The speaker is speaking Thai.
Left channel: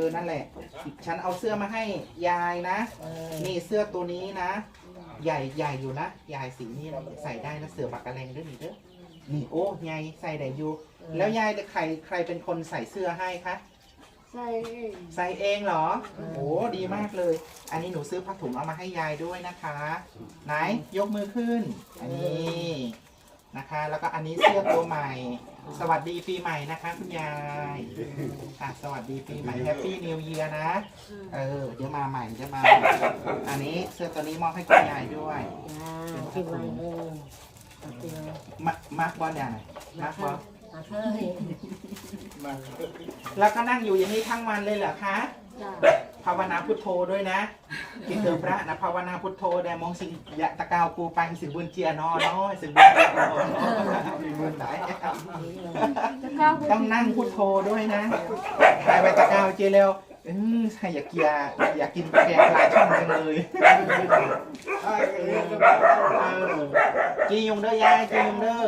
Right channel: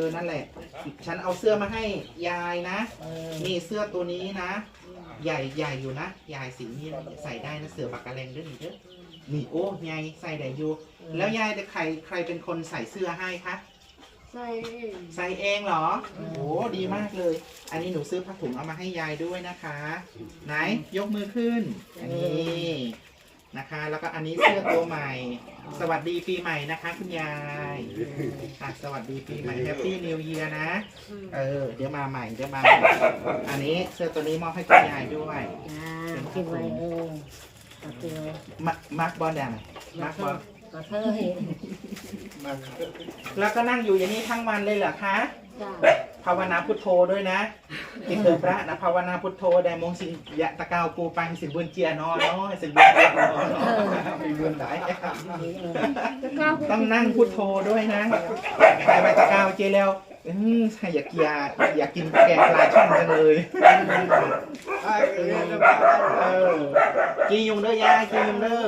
อนั่นแหละ ฉันเอาเสื้อมาให้ยายนะ นี่เสื้อตัวนี้นะ ใหญ่ใหญ่อยู่นะ ยายสีนี้ใส่ได้นะเสือบักกะแรงด้วยนี่เด้อ นี่โอ้ยายใส่ได้อยู่ แล้วยายใครใครเป็นคนใส่เสื้อให้คะ ใส่ใส่เองเหรอ โอ้ดีมากเลย อันนี้หนูซื้อผ้าถุงเอามาให้ยายด้วยนะคะ ไหนยกมือขึ้น อันนี้ นะคะ แล้วก็อันนี้เสื้อตัวใหม่ สวัสดีปีใหม่นะคะ คุณยายอะสวัสดีปีใหม่แฮปปี้นิวเยียนะ เออ เดี๋ยวมาใหม่เดี๋ยวมาใหม่อันนี้เสื้อตัวนี้มอบให้คุณยายด้วยจ้ากินไว้เออกินไว้มามาร์กบอลยังไงมาร์กบอลมาเถอะเห็นแล้วก็นั่งอยู่อย่างนี้ทั้งวันเลยเหรอคะจ้า ภาวนาพุทโธด้วยนะที่เกิดพระนะภาวนาพุทโธแดมงสิงยะตะกาวกูปังสิบุญเจียนอนน้อยสิบุญเจียนอนมีบุญไหนต้องนั่งพุทโธด้วยนะใส่ใบตะกาวเจแล้วอืมใช่อยากกินอยากกินแกงปลาช่อนจังเลยเออกินยุงเด้อยายกินยุงเด้อ